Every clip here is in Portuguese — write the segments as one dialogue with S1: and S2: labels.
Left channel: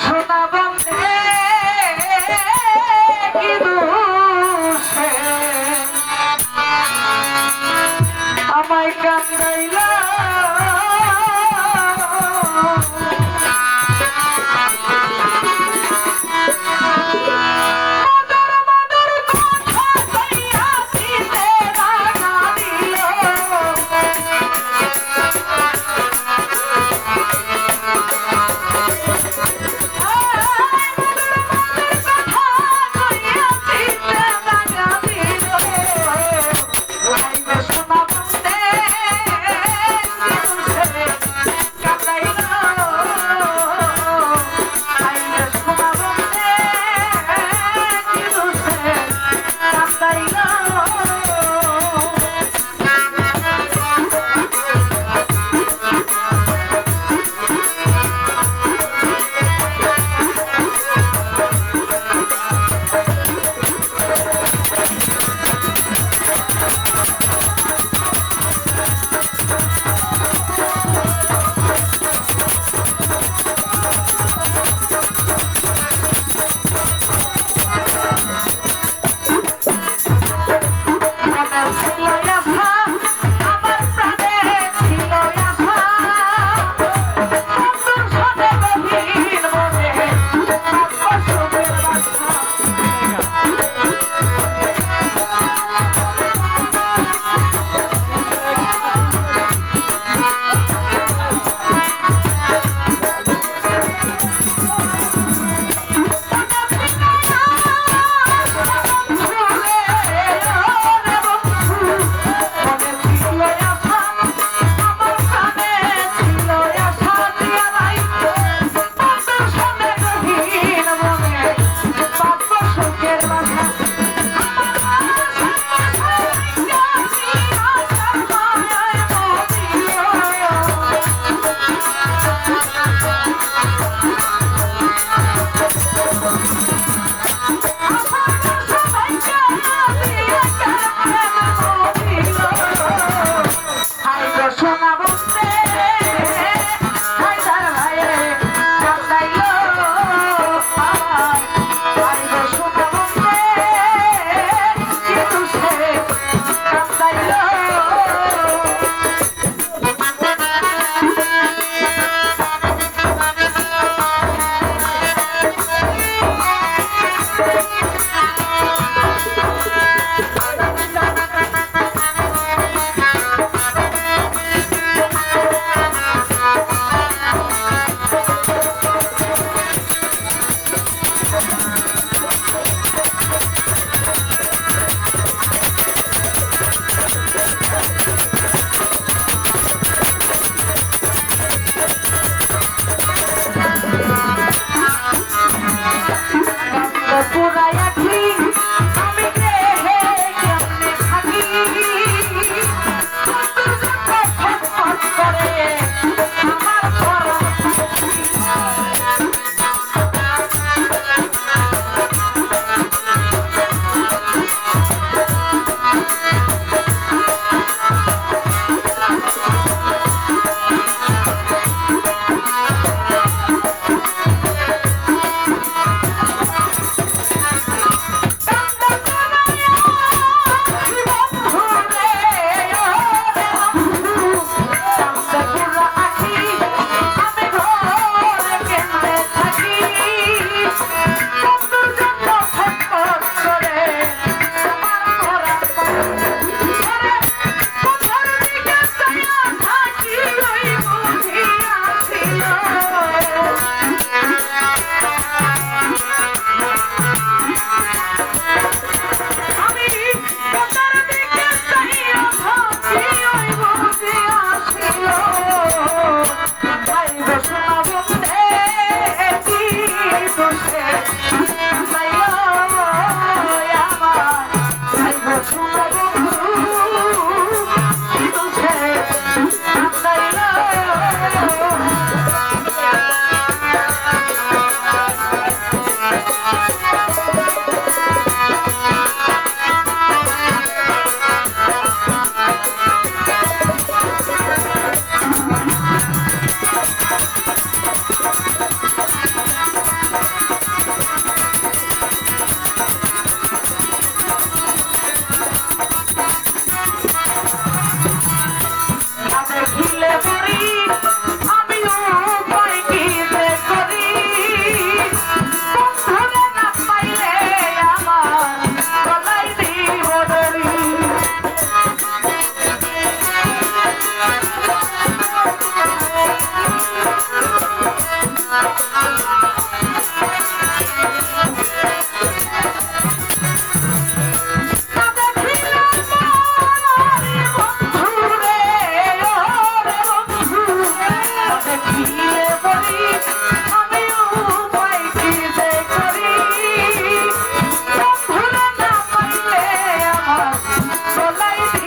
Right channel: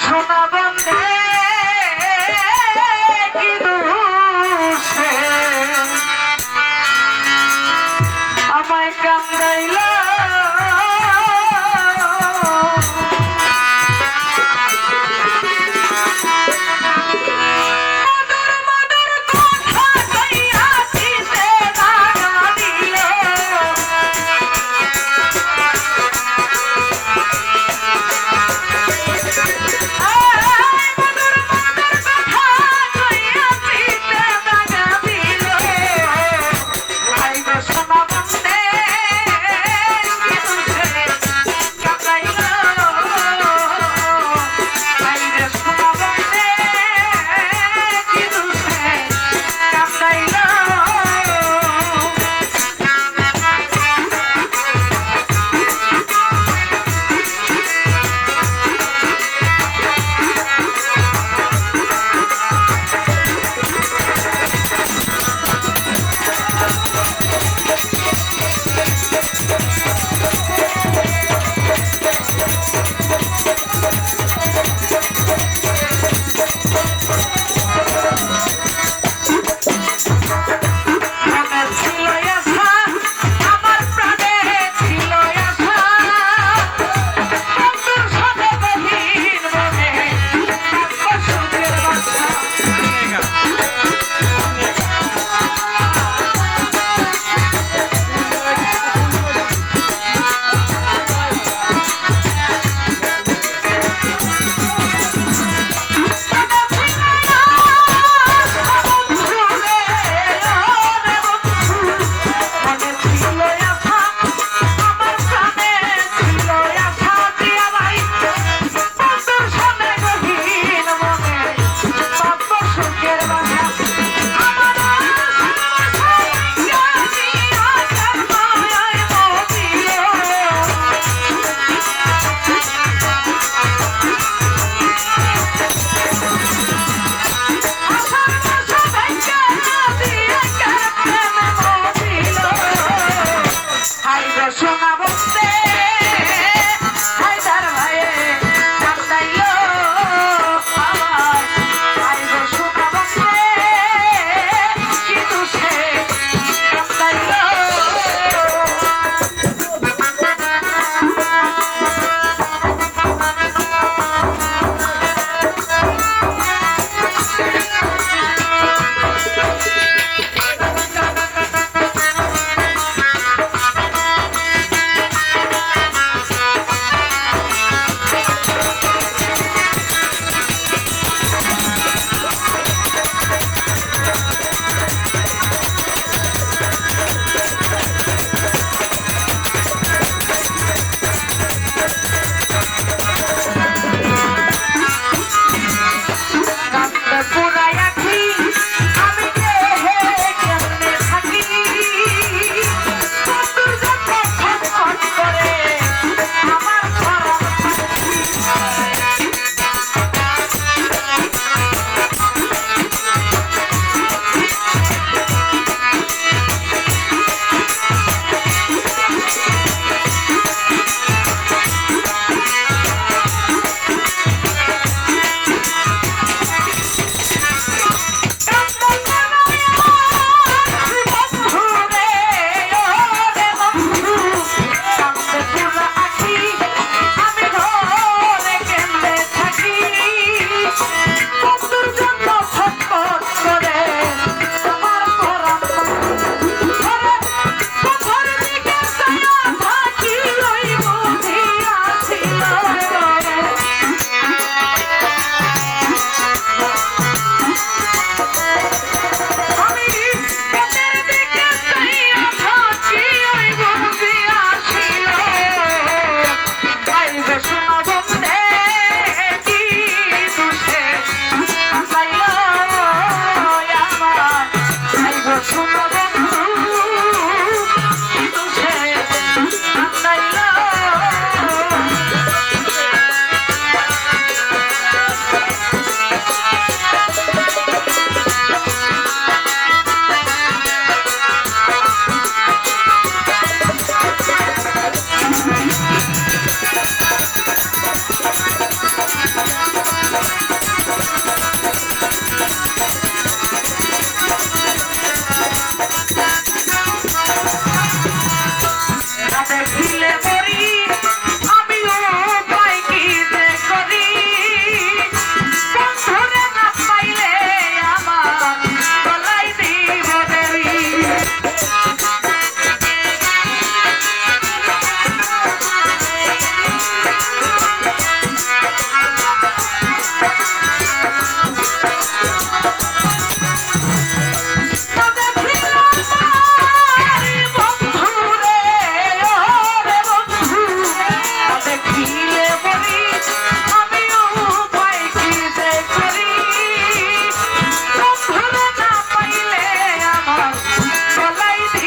S1: শোনা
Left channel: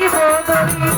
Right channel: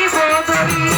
S1: Bandeirinha